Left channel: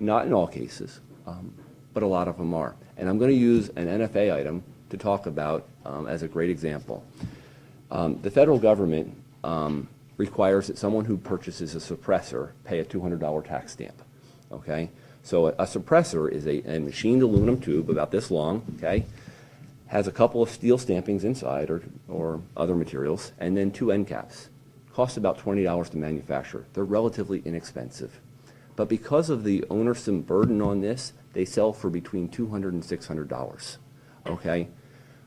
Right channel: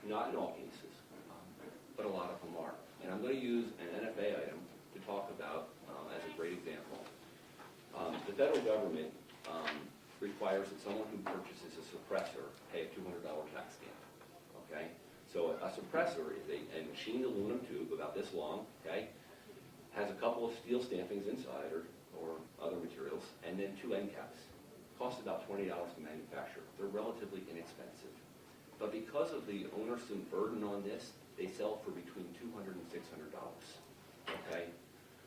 Not in all cases, but a lot of them are. And I'm going to use an NFA item to talk about as a great example. The federal government requires that someone who purchases a suppressor pay a $200 tax stamp, okay? So a suppressor is a machined aluminum tube about this long, okay? Has a couple of steel stampings inside or other materials, and then 2 end caps. Costs about $20 to manufacture. They're relatively inexpensive. But because of the onersome burden on this, they sell for between $200 and $600, okay?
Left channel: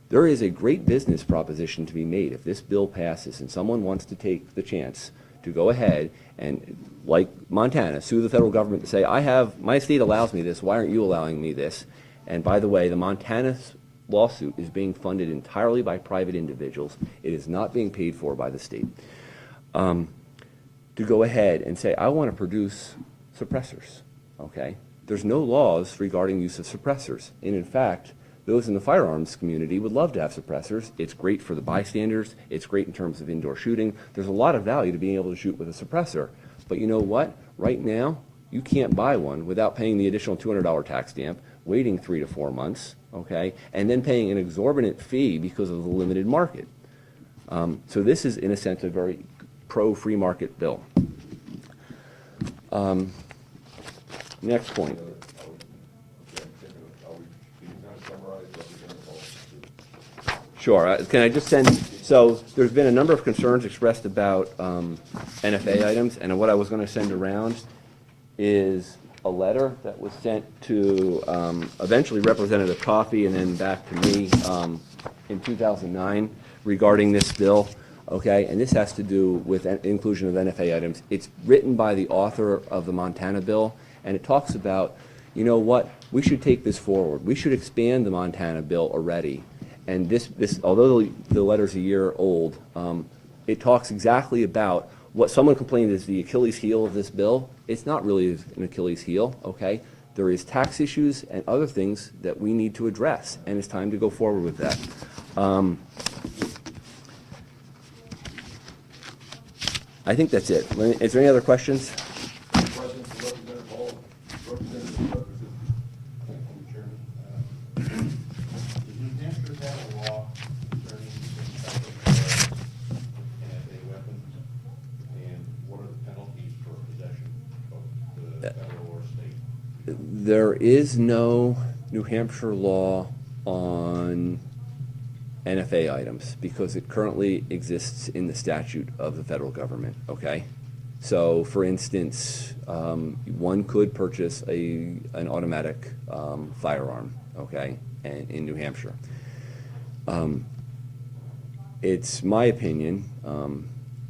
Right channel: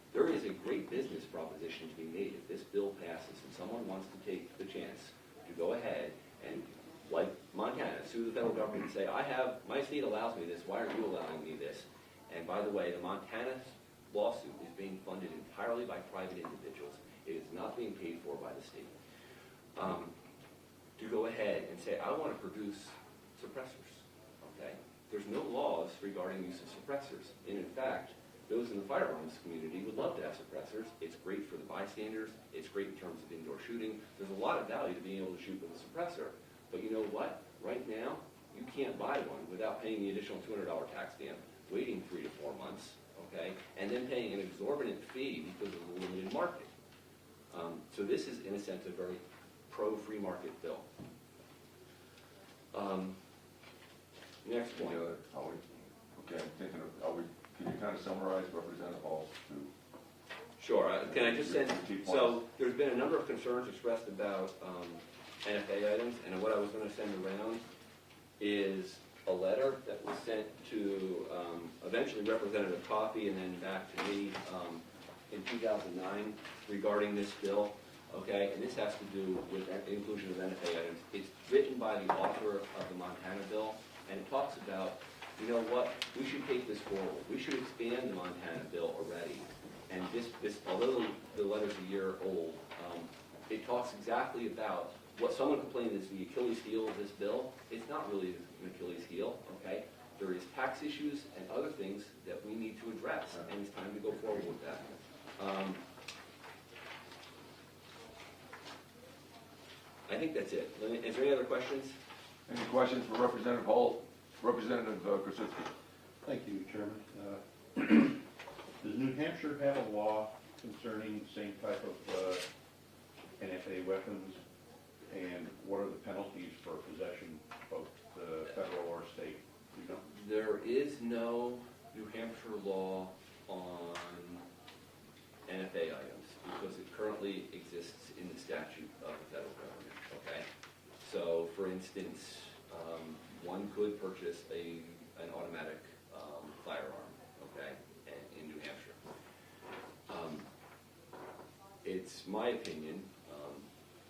There is a great business proposition to be made if this bill passes and someone wants to take the chance to go ahead and, like Montana, sue the federal government to say, my state allows me this, why aren't you allowing me this? And by the way, the Montana lawsuit is being funded entirely by private individuals. It is not being paid for by the state. To go ahead and say, I want to produce suppressors, okay? There's no laws regarding use of suppressors. And in fact, those in the firearms community would love to have suppressors. It's great for the bystanders. It's great in terms of indoor shooting. There's a lot of value to being able to shoot with a suppressor. But you know what? Right now, you can't buy one without paying the additional $200 tax stamp, waiting 3 to 4 months, okay, and then paying an exorbitant fee because of the limited market. So this is, in a sense, a very pro-free market bill. Next point. Sure. Can I just send, so there's been a number of concerns expressed about NFA items, and what I was going to send around is a letter that was sent to eventually Representative Coffey and then back to me in 2009 regarding this bill, okay? And this has to do with inclusion of NFA items. It's written by the author of the Montana bill, and it talks about, you know what, we should take this forward. We should expand the Montana bill already. And this although the letter's a year old, it talks exactly about what someone complained is the Achilles heel of this bill. It's not really an Achilles heel, okay? There is tax issues and other things that we need to address, and it's time to go forward with that. I think that's it. Is there any other questions? Questions for Representative Hoell? Representative Krasinski. Thank you, Chairman. Does New Hampshire have a law concerning the same type of NFA weapons? And what are the penalties for possession, both the federal or state? There is no New Hampshire law on NFA items because it currently exists in the statute of the federal government, okay? So, for instance, one could purchase an automatic firearm, okay, in New Hampshire. It's my opinion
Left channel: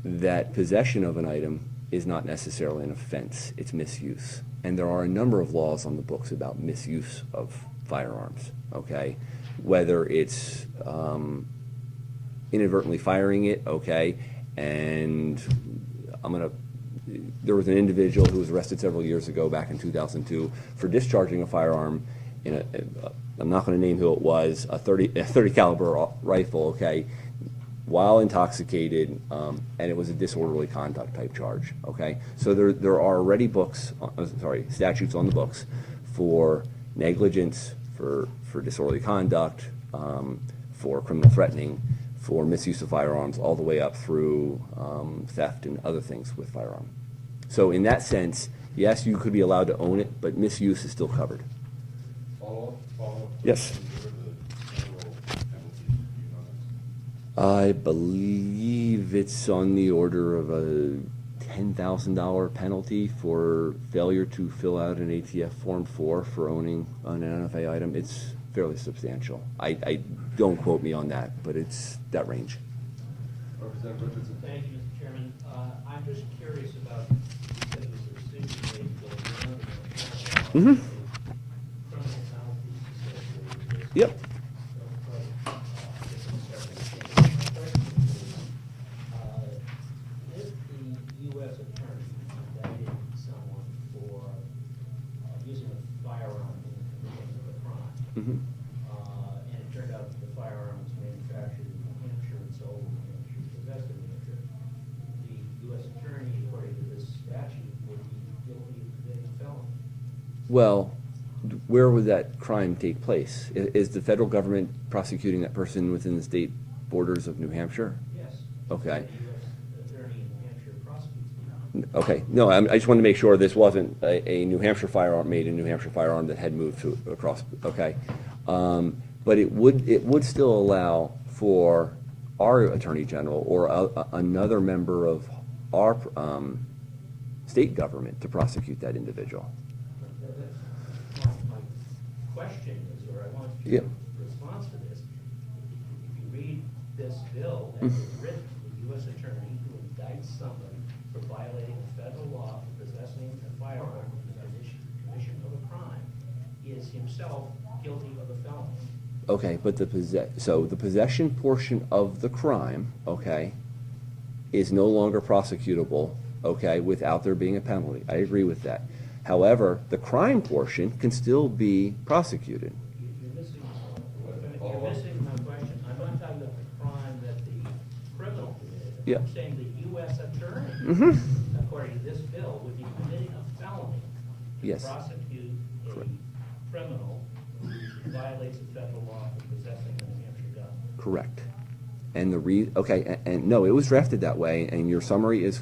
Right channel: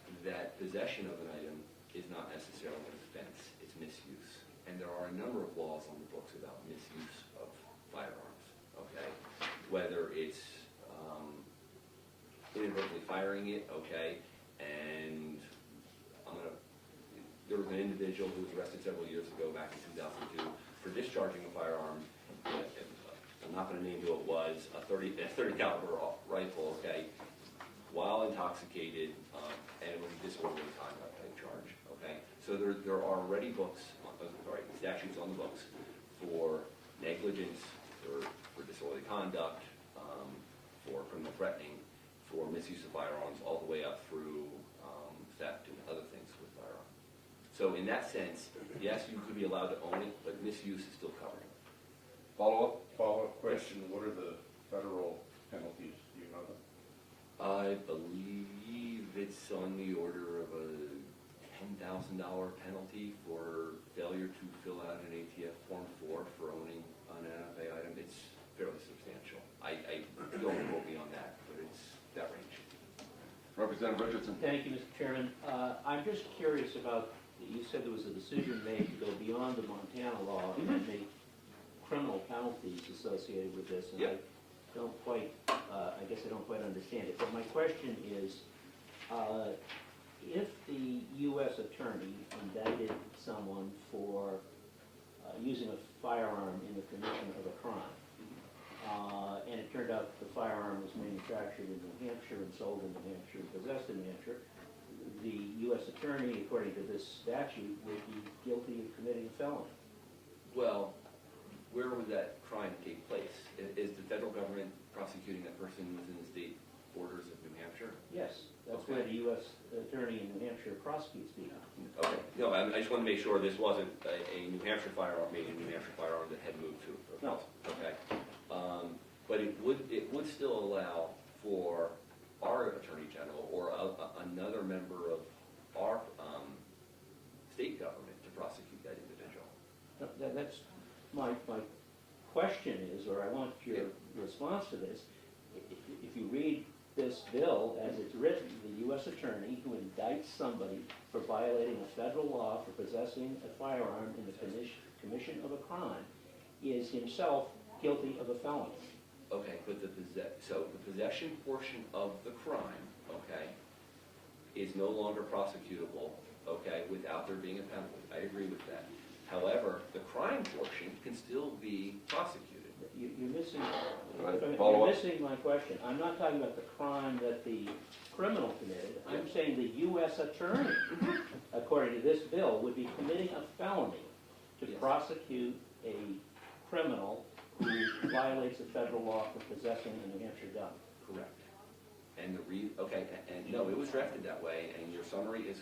that possession of an item is not necessarily an offense, it's misuse. And there are a number of laws on the books about misuse of firearms, okay? Whether it's inadvertently firing it, okay, and there was an individual who was arrested several years ago, back in 2002, for discharging a firearm in I'm not going to name who it was, a 30 caliber rifle, okay, while intoxicated, and it was a disorderly conduct type charge, okay? So there are already statutes on the books for negligence, for disorderly conduct, for criminal threatening, for misuse of firearms, all the way up through theft and other things with firearm. So in that sense, yes, you could be allowed to own it, but misuse is still covered. Follow-up? Yes. What are the federal penalties? Do you know that? I believe it's on the order of a $10,000 penalty for failure to fill out an ATF Form 4 for owning an NFA item. It's fairly substantial. I don't quote me on that, but it's that range. Representative Richardson. Thank you, Mr. Chairman. I'm just curious about, you said there was a decision made to go beyond the Montana law. Mm-hmm. Criminal penalties associated with this. Yep. I guess I don't quite understand it. My question is, if the U.S. attorney indicted someone for using a firearm in the commission of a crime, Mm-hmm. And it turned out that the firearm was manufactured in New Hampshire and sold in New Hampshire, possessed in New Hampshire, the U.S. attorney, according to this statute, would be guilty of committing a felony. Well, where would that crime take place? Is the federal government prosecuting that person within the state borders of New Hampshire? Yes. Okay. The U.S. attorney in New Hampshire prosecutes people. Okay, no, I just wanted to make sure this wasn't a New Hampshire firearm, made in New Hampshire firearm that had moved to, across, okay. But it would still allow for our Attorney General or another member of our state government to prosecute that individual. That's, my question is, or I want Yeah. your response to this. If you read this bill as it's written, the U.S. attorney who indicts somebody for violating a federal law for possessing a firearm in the commission of a crime is himself guilty of a felony. Okay, but the possession portion of the crime, okay, is no longer prosecutable, okay, without there being a penalty. I agree with that. However, the crime portion can still be prosecuted. You're missing, Follow you're up. missing my question. I'm not talking about the crime that the criminal committed. Yeah. I'm saying the U.S. attorney, according to this bill, would be committing a felony to Yes. prosecute a criminal who violates a federal law for possessing a New Hampshire gun. Correct. And okay, and no, it was drafted that way, and your summary is